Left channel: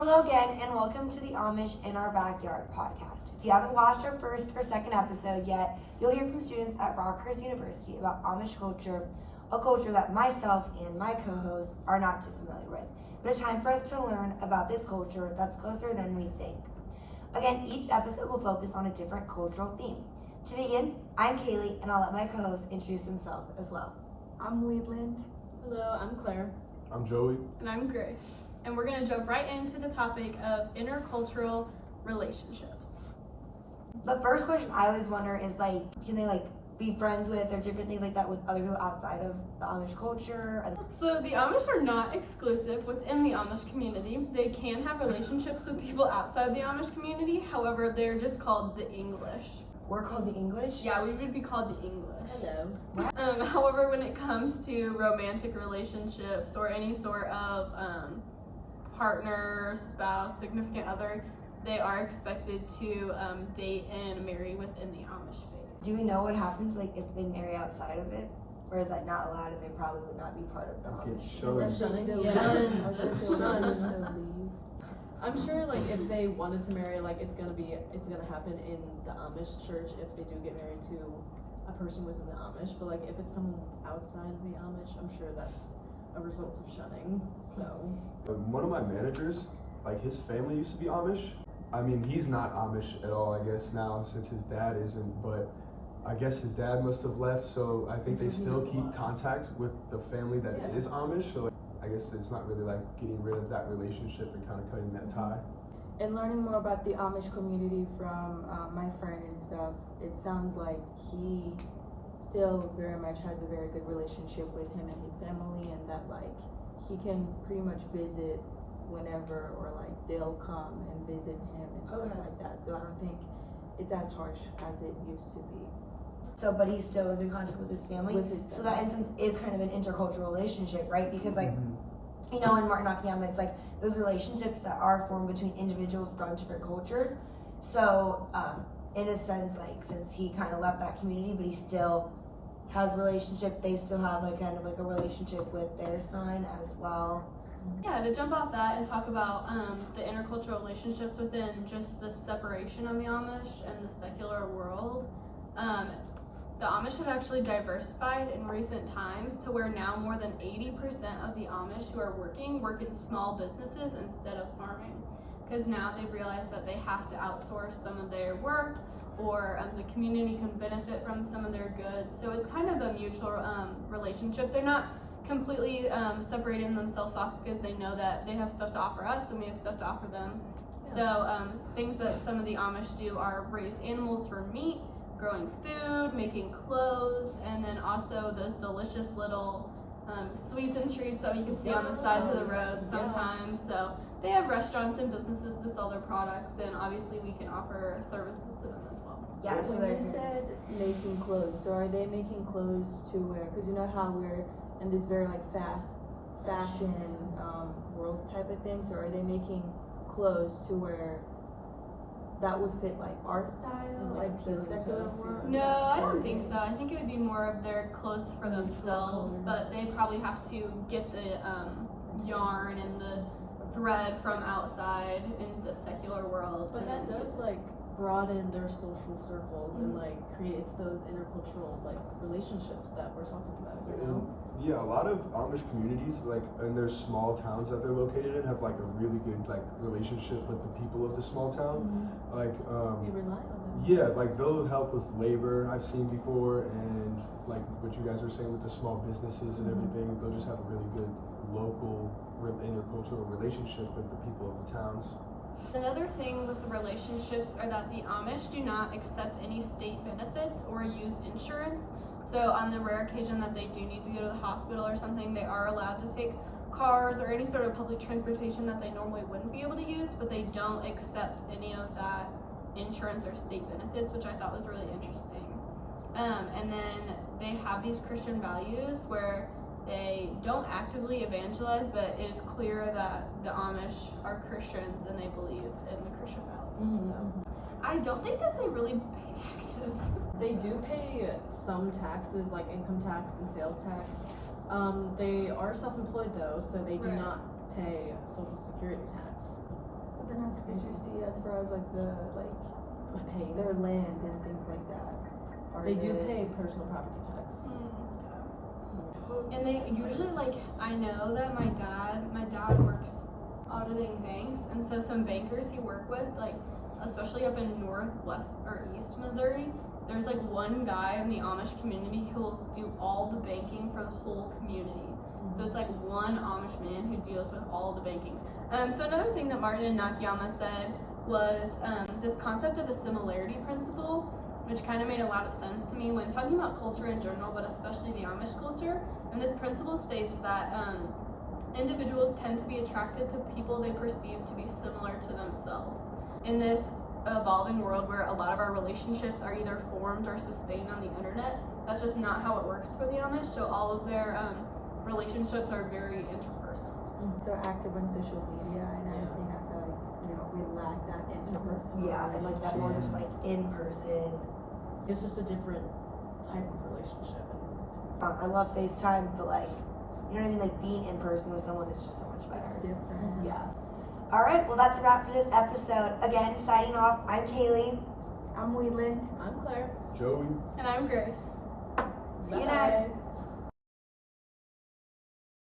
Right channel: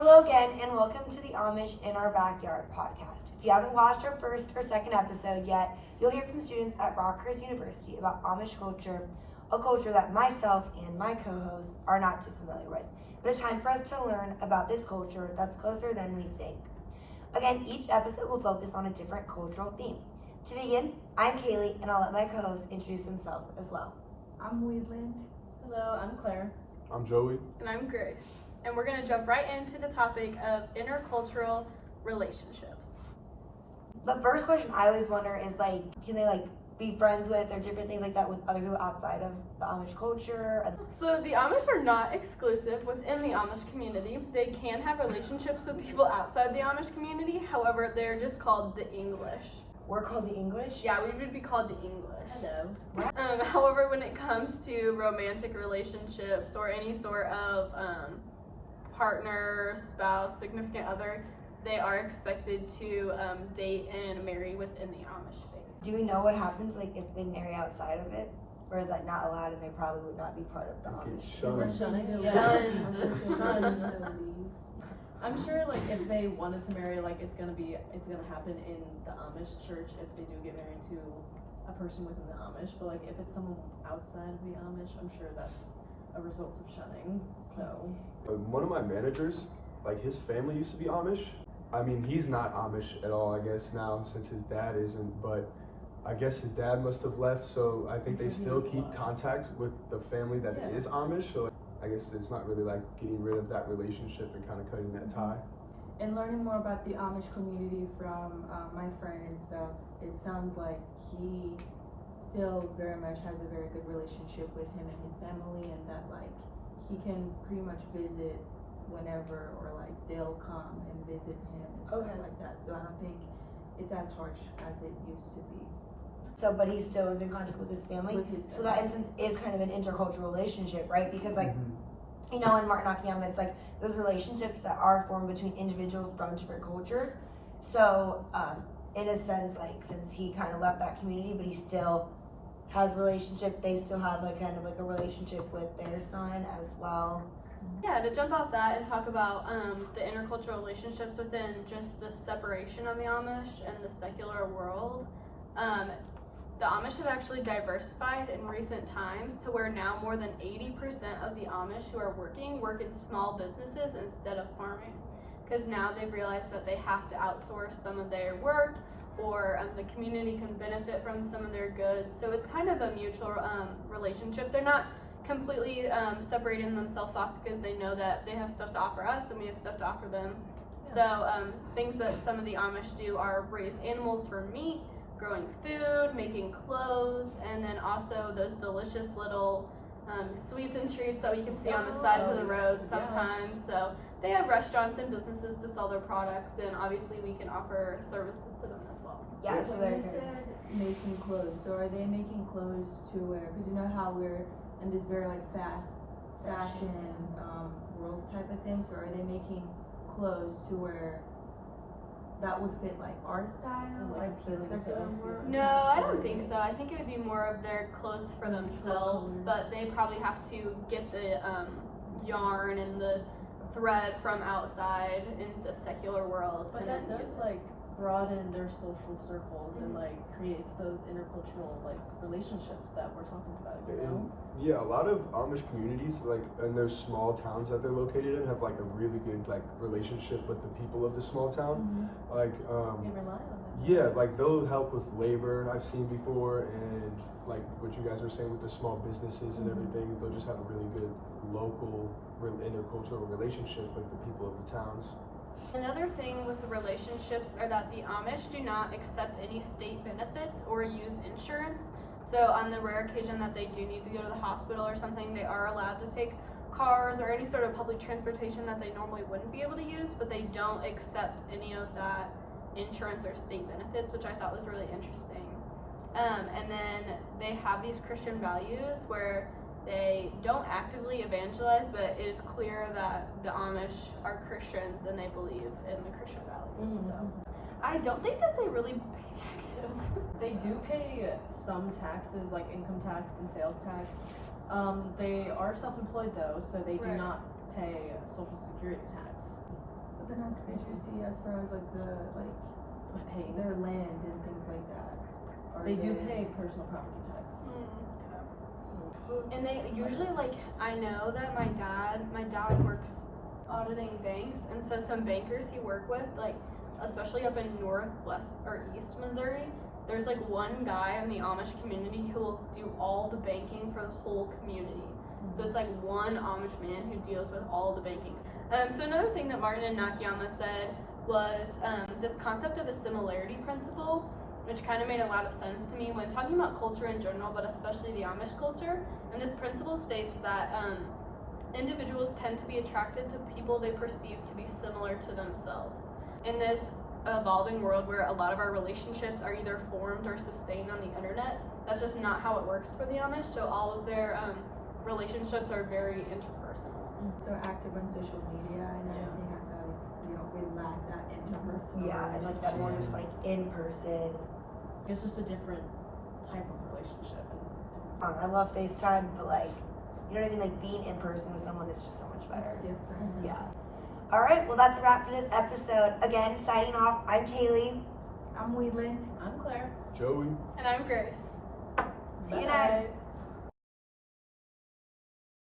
Hello again, and welcome to the Amish in Our Backyard podcast. If you haven't watched our first or second episode yet, you'll hear from students at Rockhurst University about Amish culture, a culture that myself and my co-hosts are not too familiar with, but a time for us to learn about this culture that's closer than we think. Again, each episode will focus on a different cultural theme. To begin, I'm Kaylee, and I'll let my co-hosts introduce themselves as well. I'm Weedland. Hello, I'm Claire. I'm Joey. And I'm Grace. And we're going to jump right into the topic of intercultural relationships. The first question I always wonder is can they be friends with or different things like that with other people outside of the Amish culture? So the Amish are not exclusive within the Amish community. They can have relationships with people outside the Amish community. However, they're just called the English. We're called the English? Yeah, we would be called the English. Hello. However, when it comes to romantic relationships or any sort of partner, spouse, significant other, they are expected to date and marry within the Amish faith. Do we know what happens if they marry outside of it? Or is that not allowed and they probably would not be part of the Amish? I'm sure if they wanted to marry, it's gonna happen in the Amish church if they do get married to a person within the Amish. But if it's someone outside of the Amish, I'm sure that's a result of shunning. So One of my managers, his family used to be Amish. I mean, he's not Amish at all, I guess, now since his dad isn't, but I guess his dad must have left, so I think they still keep contact with the family that is Amish, so I guess it's not really getting rid of that relationship and kind of cutting that tie. And learning more about the Amish community from my friend and stuff, it sounds like he still very much has a very good relationship with him and his family, and that he can pretty much visit whenever, or they'll come and visit him and stuff like that. So I don't think it's as harsh as it used to be. So, but he still is in contact with his family? So that instance is kind of an intercultural relationship, right? Because in Martin Nakayama, it's those relationships that are formed between individuals from different cultures. So, in a sense, since he kind of left that community, but he still has a relationship, they still have a relationship with their son as well. Yeah, to jump off that and talk about the intercultural relationships within just the separation of the Amish and the secular world. The Amish have actually diversified in recent times to where now more than 80% of the Amish who are work in small businesses instead of farming. Because now they've realized that they have to outsource some of their work, or the community can benefit from some of their goods. So it's kind of a mutual relationship. They're not completely separating themselves off because they know that they have stuff to offer us and we have stuff to offer them. Yeah. So things that some of the Amish do are raise animals for meat, growing food, making clothes, and then also those delicious little sweets and treats that we can see on the sides of the road sometimes. So they have restaurants and businesses to sell their products, and obviously we can offer services to them as well. Yeah, so you said making clothes, so are they making clothes to where, because you know how we're in this very fast fashion world type of thing, so are they making clothes to where that would fit our style, the secular world? No, I don't think so. I think it would be more of their clothes for themselves, but they probably have to get the yarn and the thread from outside in the secular world. But that does broaden their social circles and creates those intercultural relationships that we're talking about, Yeah, a lot of Amish communities in their small towns that they're located in have a really good relationship with the people of the small town. they rely on them. Yeah, they'll help with labor, I've seen before, and what you guys were saying with the small businesses and everything, they'll just have a really good local intercultural relationship with the people of the towns. Another thing with the relationships are that the Amish do not accept any state benefits or use insurance. So on the rare occasion that they do need to go to the hospital or something, they are allowed to take cars or any sort of public transportation that they normally wouldn't be able to use, but they don't accept any of that insurance or state benefits, which I thought was really interesting. And then they have these Christian values where they don't actively evangelize, but it is clear that the Amish are Christians and they believe in the Christian values. So I don't think that they really pay taxes. They do pay some taxes, income tax and sales tax. They are self-employed though, so they do not pay Social Security tax. then as literacy as far as like Paying. their land and things like that? They do pay personal property tax. And they usually I know that my dad works auditing banks, and so some bankers he work with, especially up in northwest or east Missouri, there's one guy in the Amish community who will do all the banking for the whole community. So it's one Amish man who deals with all the banking. So another thing that Martin and Nakayama said was this concept of a similarity principle, which kind of made a lot of sense to me when talking about culture in general, but especially the Amish culture. And this principle states that individuals tend to be attracted to people they perceive to be similar to themselves. In this evolving world where a lot of our relationships are either formed or sustained on the internet, that's just not how it works for the Amish. So all of their relationships are very interpersonal. So active on social media and everything, I feel like we lack that interpersonal. Yeah, and that more just in person. It's just a different type of relationship. I love FaceTime, but you know what I mean? Being in person with someone is just so much better. It's different. Yeah. All right, well, that's a wrap for this episode. Again, signing off, I'm Kaylee. I'm Wheatland. I'm Claire. Joey. And I'm Grace. See you next.